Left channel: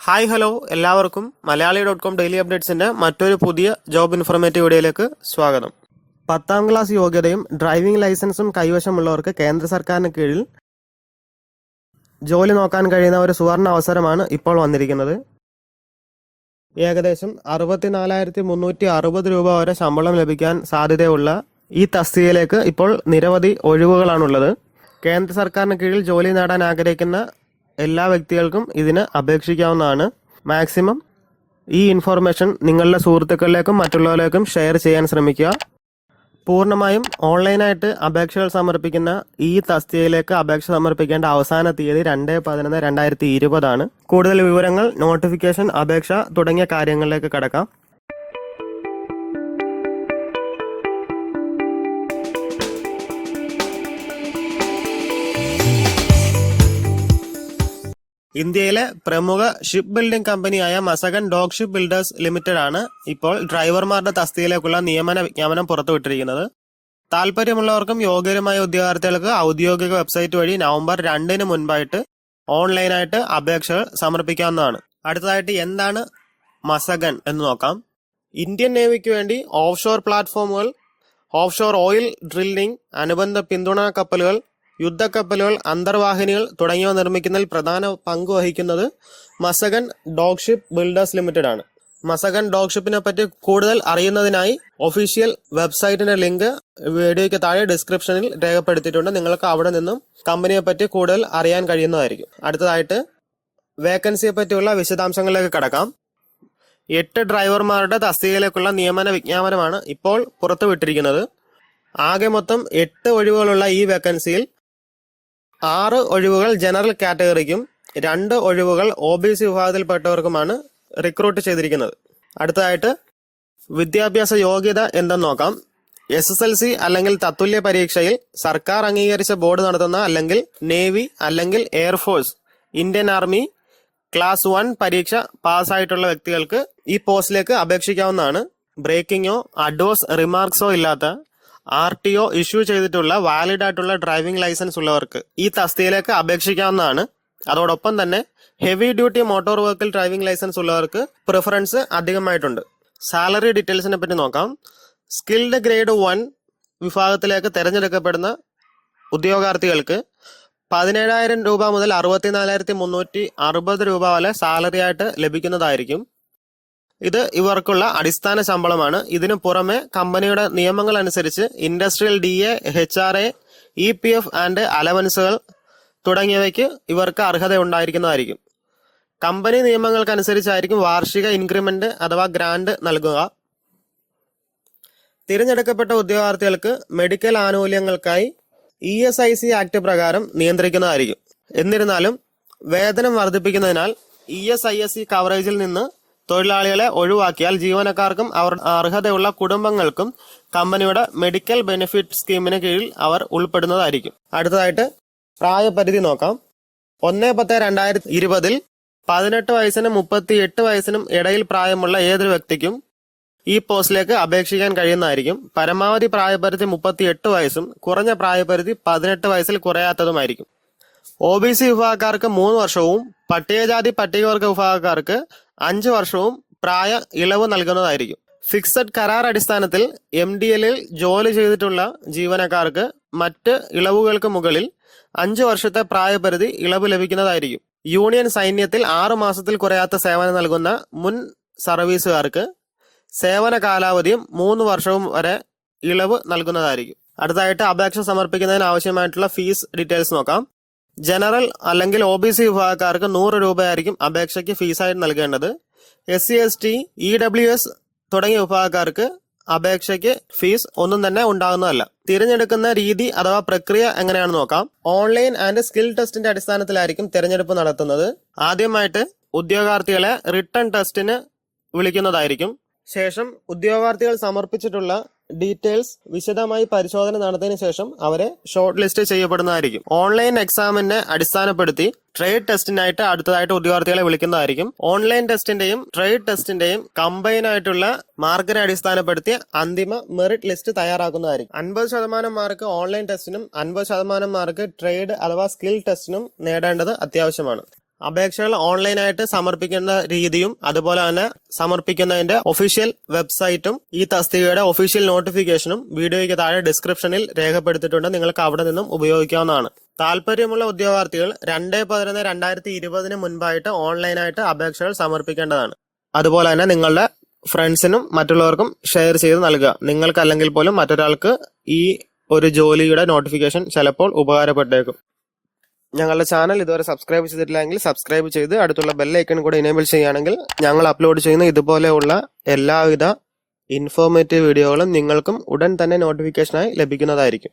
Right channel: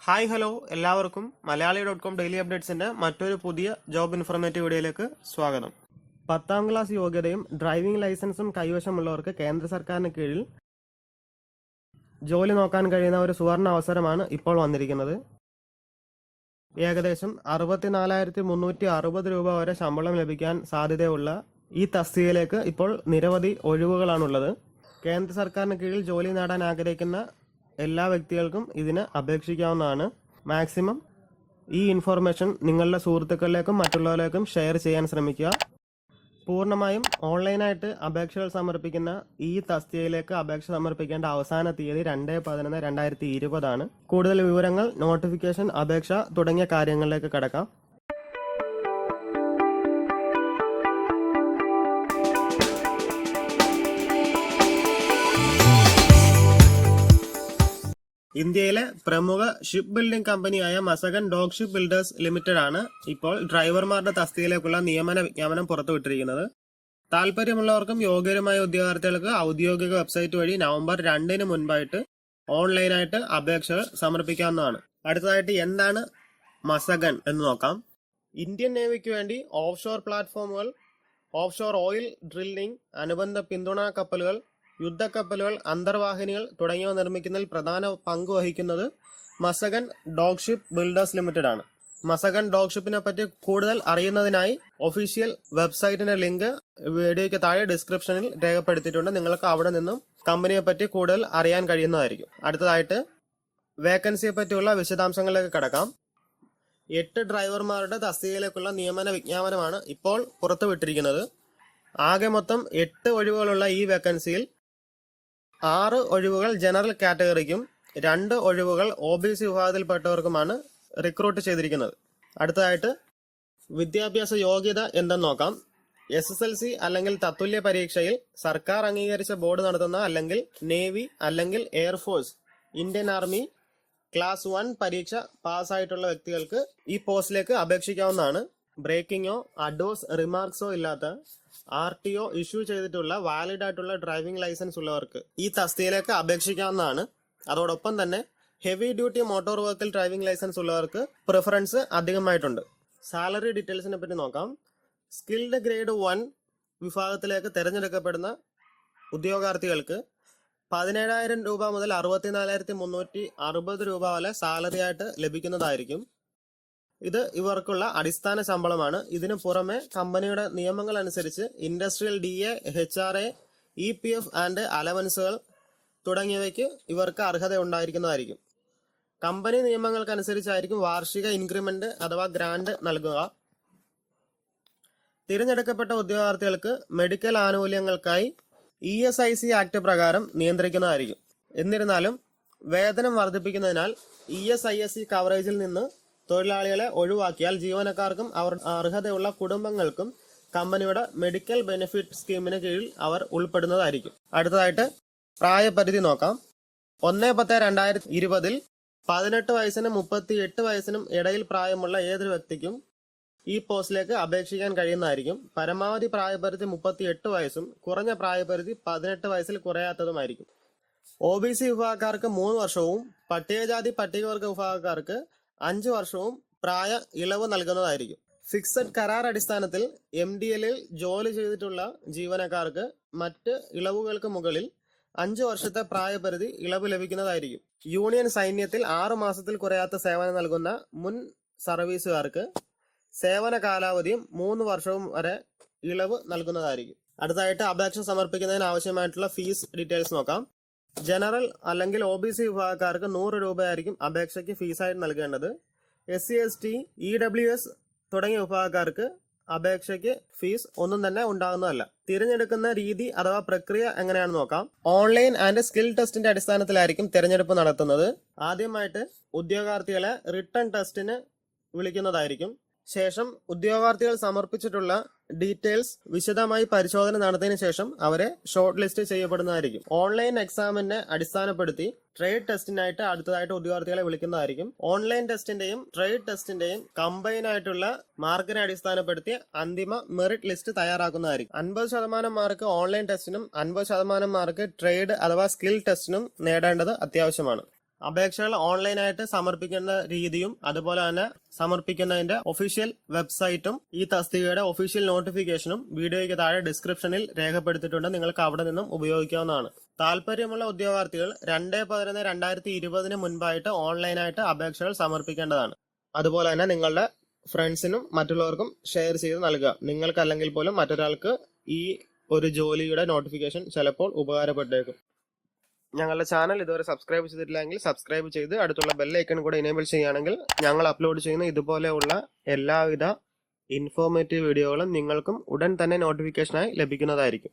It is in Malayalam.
ഹായ് ഹലോ എല്ലാവർക്കും മലയാളി.com ഡെയിലി അപ്ഡേറ്റ്സിന്റെ മറ്റൊരു പുതിയ ജോബ് ഇൻഫോർമേറ്റീവ് വീഡിയോയിലേക്ക് സ്വാഗതം. 10ാം ക്ലാസ് യോഗ്യതയും ഡ്രൈവിംഗ് ലൈസൻസും കൈവശമുള്ളവർക്ക് കേന്ദ്ര സർക്കാരിന് കീഴിൽ ജോലി നോക്കാൻ കഴിയുന്ന ഒരു സുവർണ അവസരമാണ് ഇപ്പോൾ വന്നിരിക്കുന്നത്. ഏകദേശം 64,360 രൂപ വരെ ശമ്പളം ലഭിക്കാൻ സാധ്യതയുള്ള ഈ തസ്തികയിലേക്ക് ഇപ്പോൾ നിരവധി ഒഴിവുകളാണുള്ളത്. കേന്ദ്ര സർക്കാരിന് കീഴിൽ ജോലി നേടാൻ ആഗ്രഹിക്കുന്ന എല്ലാ വ്യക്തികൾക്കും ഇതിന് അപേക്ഷിക്കാവുന്നതാണ്. മാക്സിമം ഈ ഇൻഫോർമേഷൻ നിങ്ങളുടെ സുഹൃത്തുക്കളിലേക്കും മറ്റുള്ളവരിലേക്കും ഷെയർ ചെയ്യാൻ ശ്രമിക്കുക. പൂർണ്ണമായും ഓൺലൈനായിട്ട് അപേക്ഷകൾ സമർപ്പിക്കുന്ന ഈ തസ്തികയിലേക്ക് അപേക്ഷ സമർപ്പിക്കേണ്ട അവസാന തീയതി 2/11/2020 ആണ്. കൂടുതൽ വിവരങ്ങൾ, നോട്ടിഫിക്കേഷൻ, അപേക്ഷ തുടങ്ങിയ കാര്യങ്ങളിലേക്ക് കടക്കാം. ഇന്ത്യയിലെ പ്രമുഖ ഷിപ്പ് ബിൽഡിംഗ് കമ്പനിയായ മസഗൻ ഡോക്ക് ഷിപ്പ് ബിൽഡേഴ്സ് ലിമിറ്റഡ് ആണ് ഇപ്പോൾ ഡ്രൈവർമാരുടെ തസ്തികയിലേക്കുള്ള നിയമന വിജ്ഞാപനം പുറത്തുവിട്ടിരിക്കുന്നത്. താല്പര്യമുള്ളവർക്കും യോഗ്യരുമായ ഉദ്യോഗാർത്ഥികൾക്ക് ഔദ്യോഗിക വെബ്സൈറ്റ് വഴി നവംബർ 2-ന് മുൻപായിട്ട് ഓൺലൈനായിട്ട് അപേക്ഷകൾ സമർപ്പിക്കാവുന്നതാണ്. അടുത്തതായിട്ട് എന്താണ് മസഗൻ എന്ന് നോക്കാം. ഇന്ത്യൻ നേവിക്ക് വേണ്ടി ഓഫ് ഷോർ പ്ലാറ്റ്ഫോമുകൾ, ഓഫ് ഷോർ ഓയിൽ ഡ്രില്ലിംഗ്, അനുബന്ധ പിന്തുണാ കപ്പലുകൾ, യുദ്ധക്കപ്പലുകൾ, അന്തർവാഹിനികൾ തുടങ്ങിയവ നിർമ്മിക്കുന്നതിൽ പ്രധാന പങ്ക് വഹിക്കുന്നത് മസഗൻ ഡോക്ക് ഷിപ്പ് ബിൽഡേഴ്സ് ലിമിറ്റഡ് ആണ്. മസഗൻ ഡോക്ക് ഷിപ്പിനെ പറ്റി കൂടുതൽ അറിയുന്നതിനായി ഒഫീഷ്യൽ വെബ്സൈറ്റിന്റെ ലിങ്ക് വീഡിയോയ്ക്ക് താഴെ ഡിസ്ക്രിപ്ഷനിൽ രേഖപ്പെടുത്തിയിട്ടുണ്ട്. നിങ്ങൾക്ക് അവിടെ നിന്നും കമ്പനിയെ പറ്റി കൂടുതൽ അറിയാൻ കഴിയുന്നതായിരിക്കും. അടുത്തതായിട്ട് വേക്കൻസിയെ പറ്റിയുള്ള വിശദാംശങ്ങളിലേക്ക് കടക്കാം. 8 ഡ്രൈവർമാരുടെ തസ്തികയിലേക്കുള്ള നിയമന വിജ്ഞാപനമാണ് ഇപ്പോൾ പുറത്തുവിട്ടിരിക്കുന്നത്. ആകെ മൊത്തം 8 ഒഴിവുകളുള്ള ഈ വേക്കൻസിയിൽ 6 ഒഴിവുകൾ ജനറൽ കാറ്റഗറിക്കും 2 ഒഴിവുകൾ OBC വിഭാഗത്തിൽപ്പെട്ടവർക്കുമാണ് റിക്രൂട്ട് ചെയ്തിരിക്കുന്നത്. അടുത്തതായിട്ട് വിദ്യാഭ്യാസ യോഗ്യത എന്തെന്ന് നോക്കാം. SSLC അല്ലെങ്കിൽ തത്തുല്യ പരീക്ഷയിൽ സർക്കാർ അംഗീകരിച്ച ബോർഡ് നടത്തുന്ന അല്ലെങ്കിൽ നേവി അല്ലെങ്കിൽ എയർഫോഴ്സ്, ഇന്ത്യൻ ആർമി ക്ലാസ് 1 പരീക്ഷ പാസ്സായിട്ടുള്ള വ്യക്തികൾക്ക് ഈ പോസ്റ്റിലേക്ക് അപേക്ഷിക്കാവുന്നതാണ്. ബ്രേക്കിങ്ങോ അഡ്വേഴ്സ് റിമാർക്സോ ഇല്ലാത്ത RTO ഇഷ്യൂ ചെയ്തിട്ടുള്ള വാലിഡ് ആയിട്ടുള്ള ഡ്രൈവിംഗ് ലൈസൻസ് ഉള്ളവർക്ക് ഈ തസ്തികയിലേക്ക് അപേക്ഷിക്കാവുന്നതാണ്. അതോടൊപ്പം തന്നെ heavy duty motor vehicle driving licence ഉള്ളവർക്ക് പ്രിഫറൻസ് അധികമായിട്ടുണ്ട്. സാലറി ഡീറ്റെയിൽസിനെ പറ്റി നോക്കാം. സ്കിൽഡ് ഗ്രേഡ് 1 വിഭാഗത്തിലേക്ക് തിരഞ്ഞെടുക്കപ്പെടുന്ന ഉദ്യോഗാർത്ഥികൾക്ക് 17,000 രൂപ മുതൽ 64,360 രൂപ വരെ സാലറി ആയിട്ട് ലഭിക്കുന്നതായിരിക്കും. ഇത് ഇവർക്കുള്ള അടിസ്ഥാന ശമ്പളമാണ്. ഇതിനു പുറമെ കമ്പനിയുടെ നിയമങ്ങൾ അനുസരിച്ച് industrial DA, HRA, EPF and അലവൻസുകൾ തുടങ്ങിയവയ്ക്ക് ഇവർക്ക് അർഹത ഉണ്ടായിരിക്കുന്നതായിരിക്കും. കമ്പനി നിയമങ്ങൾക്കനുസരിച്ചായിരിക്കും വാർഷിക ഇൻക്രിമെന്റ് അഥവാ ഗ്രാന്റ് നൽകുക. തിരഞ്ഞെടുക്കപ്പെട്ട ഉദ്യോഗാർത്ഥികൾക്ക് മെഡിക്കൽ ആനുകൂല്യങ്ങൾക്കായി ESIC ആക്ട് പ്രകാരം നിയന്ത്രിക്കുന്നതായിരിക്കും. എന്നിരുന്നാലും വേതനം വർദ്ധിപ്പിക്കുന്നതിനാൽ ESIC കവറേജിൽ നിന്ന് തൊഴിലാളികളെ ഒഴിവാക്കിയാൽ ജീവനക്കാർക്കും അവർ അർഹതയുള്ള കുടുംബങ്ങൾക്കും കമ്പനിയുടെ മെഡിക്കൽ ബെനിഫിറ്റ് സ്കീമിന് കീഴിൽ അവർ ഉൾപ്പെടുന്നതായിരിക്കും. അടുത്തതായിട്ട് പ്രായപരിധി നോക്കാം. 1/10/2020 18 വയസ്സിനും 38 വയസ്സിനും ഇടയിൽ പ്രായമുള്ള ഏതൊരു വ്യക്തിക്കും ഈ പോസ്റ്റിലേക്ക് അപേക്ഷിക്കാൻ കഴിയുന്നതായിരിക്കും. പരമാവധി പ്രായപരിധി 38 വയസ്സും കുറഞ്ഞ പ്രായപരിധി 18 വയസ്സിൽ കുറയാത്തതുമായിരിക്കും. OBC വിഭാഗക്കാർക്ക് 3 വർഷവും പട്ടികജാതി പട്ടികവർഗ വിഭാഗക്കാർക്ക് 5 വർഷവും പ്രായ ഇളവ് നൽകുന്നതായിരിക്കും. ഫിക്സഡ് കരാർ അടിസ്ഥാനത്തിൽ MDL ജോലി ചെയ്തിട്ടുള്ള ജീവനക്കാർക്ക് മറ്റ് ഇളവുകൾക്ക് മുകളിൽ 5 വർഷത്തെ പ്രായപരിധി ഇളവ് ലഭിക്കുന്നതായിരിക്കും. യൂണിയൻ സൈന്യത്തിൽ 6 മാസത്തിൽ കുറയാത്ത സേവനം നൽകുന്ന മുൻ സർവീസുകാർക്ക് സേവന കാലാവധിയും 3 വർഷവും വരെ ഇളവ് നൽകുന്നതായിരിക്കും. അടുത്തായിട്ട് അപേക്ഷ സമർപ്പിക്കുന്നതിന് ആവശ്യമായിട്ടുള്ള ഫീസ് ഡീറ്റെയിൽസ് നോക്കാം. ജനറൽ അല്ലെങ്കിൽ OBC വിഭാഗക്കാർക്ക് 100 രൂപയായിരിക്കും അപേക്ഷയ്ക്ക് ഫീസായിട്ട് നൽകേണ്ടത്. SC ST EWS തുടങ്ങിയ വിഭാഗക്കാർക്ക് അപേക്ഷയ്ക്ക് ഫീസ് ഒന്നും തന്നെ ഉണ്ടാകുന്നതല്ല. തിരഞ്ഞെടുക്കുന്ന രീതി അഥവാ പ്രക്രിയ എങ്ങനെയാണെന്ന് നോക്കാം. ഓൺലൈൻ ആൻഡ് സ്കിൽ ടെസ്റ്റിന്റെ അടിസ്ഥാനത്തിലായിരിക്കും തിരഞ്ഞെടുപ്പ് നടത്തുന്നത്. ആദ്യമായിട്ട് ഉദ്യോഗാർത്ഥികളെ റിട്ടൺ ടെസ്റ്റിന് വിളിക്കുന്നതായിരിക്കും. ശേഷം ഉദ്യോഗാർത്ഥികൾ സമർപ്പിച്ചിട്ടുള്ള ഡീറ്റെയിൽസ് വിശദമായി പരിശോധന നടത്തിയതിനു ശേഷം അവരെ ഷോർട്ട് ലിസ്റ്റ് ചെയ്യപ്പെടുന്നതായിരിക്കും. ഓൺലൈൻ എക്സാമിനെ അടിസ്ഥാനപ്പെടുത്തി ട്രേഡ് ടെസ്റ്റിനായിട്ട് അടുത്തതായിട്ട് ഉദ്യോഗാർത്ഥികളെ വിളിക്കുന്നതായിരിക്കും. ഓൺലൈൻ ടെസ്റ്റിന്റെയും ട്രേഡ് ടെസ്റ്റിന്റെയും കമ്പൈൻ ആയിട്ടുള്ള മാർക്കിനെ അടിസ്ഥാനപ്പെടുത്തി അന്തിമ മെറിറ്റ് ലിസ്റ്റ് തയ്യാറാക്കുന്നതായിരിക്കും. 50% മാർക്ക് ഓൺലൈൻ ടെസ്റ്റിനും 50% മാർക്ക് ട്രേഡ് അഥവാ സ്കിൽ ടെസ്റ്റിനും നേടേണ്ടത് അത്യാവശ്യമാണ്. അപേക്ഷകൾ ഓൺലൈനായിട്ട് സമർപ്പിക്കുന്ന രീതിയും അതുപോലെ തന്നെ സമർപ്പിക്കുന്നതിന്റെ ഒഫീഷ്യൽ വെബ്സൈറ്റും ഈ തസ്തികയുടെ ഒഫീഷ്യൽ നോട്ടിഫിക്കേഷനും വീഡിയോയ്ക്ക് താഴെ ഡിസ്ക്രിപ്ഷനിൽ രേഖപ്പെടുത്തിയിട്ടുണ്ട്. നിങ്ങൾക്ക് അവിടെ നിന്നും ഉപയോഗിക്കാവുന്നതാണ്. താല്പര്യമുള്ള ഉദ്യോഗാർത്ഥികൾ 2/11/2020 മുൻപായിട്ട് ഓൺലൈനായിട്ട് അപേക്ഷകൾ സമർപ്പിക്കേണ്ടതാണ്. അതുപോലെ തന്നെ നിങ്ങളുടെ ഫ്രണ്ട്സിനും മറ്റുള്ളവർക്കും ഷെയർ ചെയ്ത് നൽകുക. നിങ്ങൾക്കല്ലെങ്കിൽ പോലും മറ്റൊരാൾക്ക് ഈ ഒരു ജോലിയുടെ നോട്ടിഫിക്കേഷൻ ചിലപ്പോൾ ഉപകാരപ്പെട്ടേക്കും. ഞങ്ങളുടെ ചാനൽ ഇതുവരെ സബ്സ്ക്രൈബ് ചെയ്തിട്ടില്ലെങ്കിൽ സബ്സ്ക്രൈബ് ചെയ്ത് അടുത്തുള്ള ബെൽ ഐക്കൺ കൂടെ എനേബിൾ ചെയ്യുകയാണെങ്കിൽ ഞങ്ങൾ അപ്ലോഡ് ചെയ്യുന്ന ഇതുപോലെയുള്ള എല്ലാവിധ ഇൻഫോർമേറ്റീവ് വീഡിയോകളും നിങ്ങൾക്കും ഉടൻ തന്നെ നോട്ടിഫിക്കേഷനായി ലഭിക്കുന്നതായിരിക്കും.